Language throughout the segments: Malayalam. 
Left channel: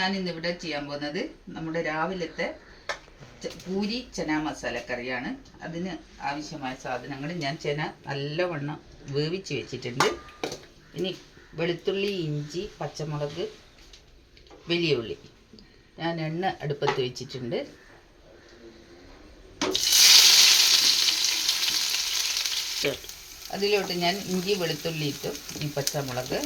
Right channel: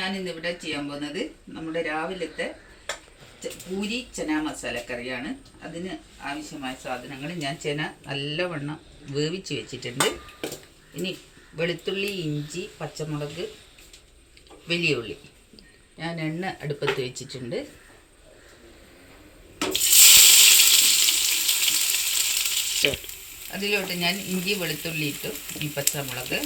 ഞാനിന്നിവിടെ ചെയ്യാൻ പോകുന്നത് നമ്മുടെ രാവിലത്തെ പൂരി ചന മസാലക്കറിയാണ്. അതിന് ആവശ്യമായ സാധനങ്ങൾ ഞാൻ ചന നല്ലവണ്ണം വേവിച്ച് വെച്ചിട്ടുണ്ട്. ഇനി വെളുത്തുള്ളി, ഇഞ്ചി, പച്ചമുളക്, വലിയ ഉള്ളി. ഞാൻ എണ്ണ അടുപ്പത്ത് വെച്ചിട്ടുണ്ട്. അതിലോട്ട് ഞാൻ ഇഞ്ചി, വെളുത്തുള്ളി ഇട്ടു. ഈ പച്ചമുളക്,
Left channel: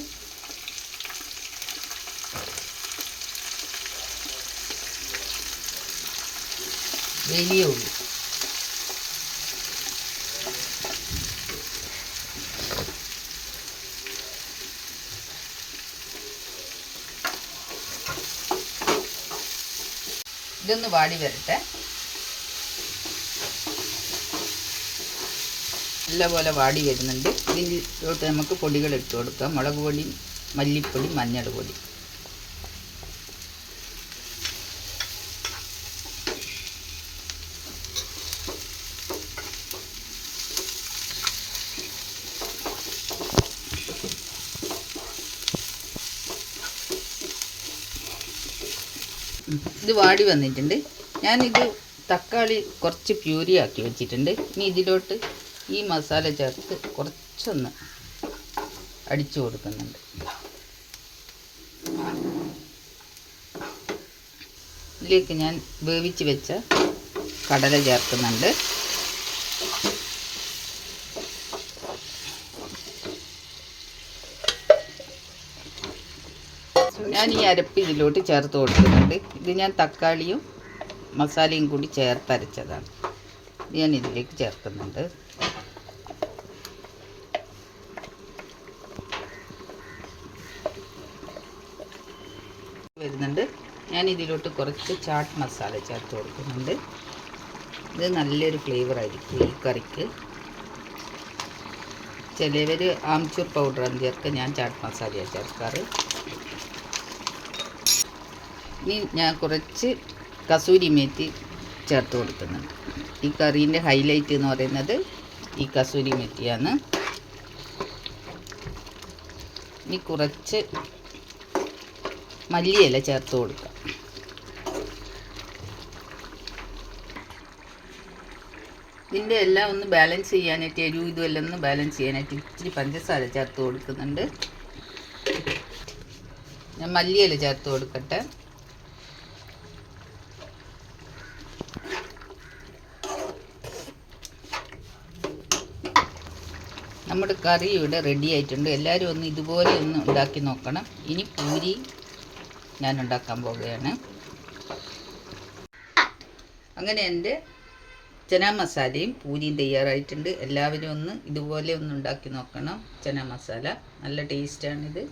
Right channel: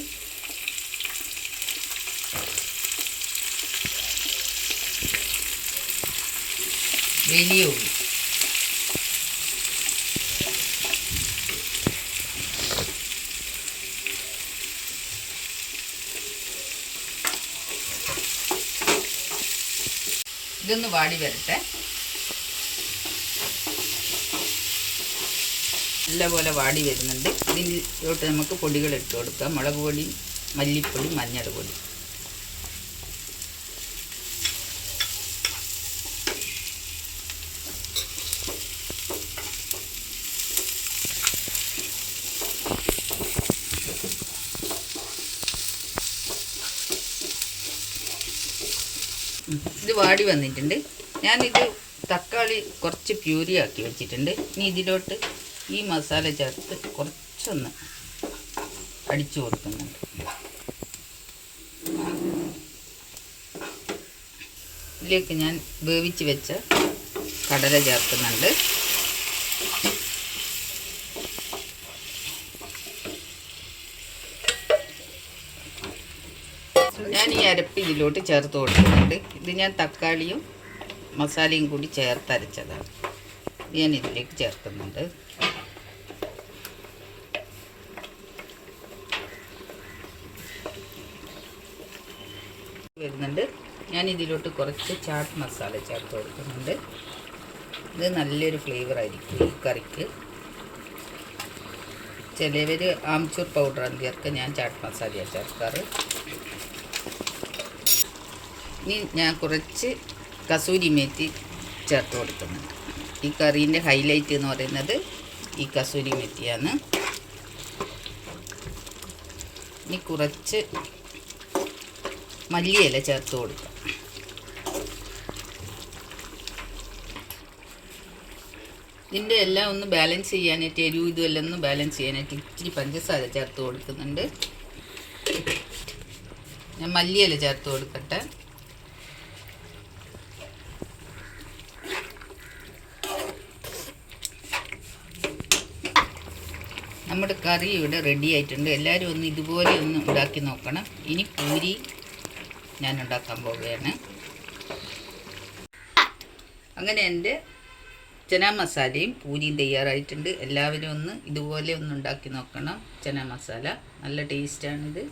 വലിയ ഉള്ളി, ഇതൊന്ന് വാടി വരട്ടെ. നല്ലപോലെ വാടി വരുന്നുണ്ട്. ഇതിലോട്ട് നമുക്ക് പൊടികൾ ഇട്ട് കൊടുക്കാം. മുളക് പൊടി, മല്ലിപ്പൊടി, മഞ്ഞൾ പൊടി. ഇത് വാടി വന്നിട്ടുണ്ട്. ഞാനിത് തക്കാളി കുറച്ച് പ്യൂരി ആക്കി വെച്ചിട്ടുണ്ട്. ഇനി ഇതിലോട്ട് ഈ മസാല ചേർത്ത് കുറച്ചൊന്ന് അടിച്ചു കൊടുക്കുന്നുണ്ട്. ഇതിലേക്ക് ഞാൻ വേവിച്ച് വെച്ച കടല ചേർക്കുന്നുണ്ട്. ഞാൻ ഈ അരപ്പ് ഇതിലോട്ട് ചേർത്ത് കൊടുക്കുന്നുണ്ട്. ഇത് ഞാൻ തക്കാളിയും മസാലയും കൂടി ചേർത്തരച്ചതാണ്. ഞാൻ ഇതിലേക്ക് ചേർക്കുന്നുണ്ട്. ഞാൻ ഇതിലോട്ട് കുറച്ച് ചാട്ട് മസാല ചേർത്ത് കൊടുക്കുന്നുണ്ട്. ഇത് നല്ലൊരു ഫ്ലേവറായിരിക്കും ഈ കറിക്ക്. ചിലവർ ആംചൂർ പൗഡറാണ് ചേർക്കുക, ഞാൻ ചാട്ട് മസാലയാണ് ചേർക്കാറ്. ഇനി ഞാൻ കുറച്ച് കസൂരി മേത്തി ചേർത്ത് കൊടുക്കുന്നുണ്ട്. ഈ കറീൻ്റെ ഹൈലൈറ്റ് എന്ന് പറയുന്നത് ഈ കസൂരി മേത്തിയാണ്. ഇനി കുറച്ച് മല്ലിയില ചേർത്ത് കൊടുക്കാം. ഇതിൻ്റെ എല്ലാം ഒന്ന് ബാലൻസ് ചെയ്യാനായിട്ട്, എരിവും ഇതുമെല്ലാം ഒന്ന് ബാലൻസ് ചെയ്യാനായിട്ട് ഇച്ചിരി പഞ്ചസാര ചേർത്ത് കൊടുക്കുന്നുണ്ട്. ഞാൻ മല്ലിയില ചേർത്ത് കൊടുക്കട്ടെ. നമ്മുടെ കറി ഇവിടെ റെഡി ആയിട്ടുണ്ട്. എല്ലാവരും ഒന്ന് ഇതുപോലെ ഒന്ന് ഉണ്ടാക്കി നോക്കണം. ഇനി പൂരി ഞാൻ ഉണ്ടാക്കാൻ പോവുകയാണ്. അങ്ങനെ എൻ്റെ ചന മസാലയും പൂരിയും തയ്യാറായിട്ടുണ്ട്. എല്ലാവരും ഒന്ന് ഇതുപോലെ ഒന്ന് ഉണ്ടാക്കി നോക്കണം. ചന മസാല നല്ല ടേസ്റ്റാണിത്.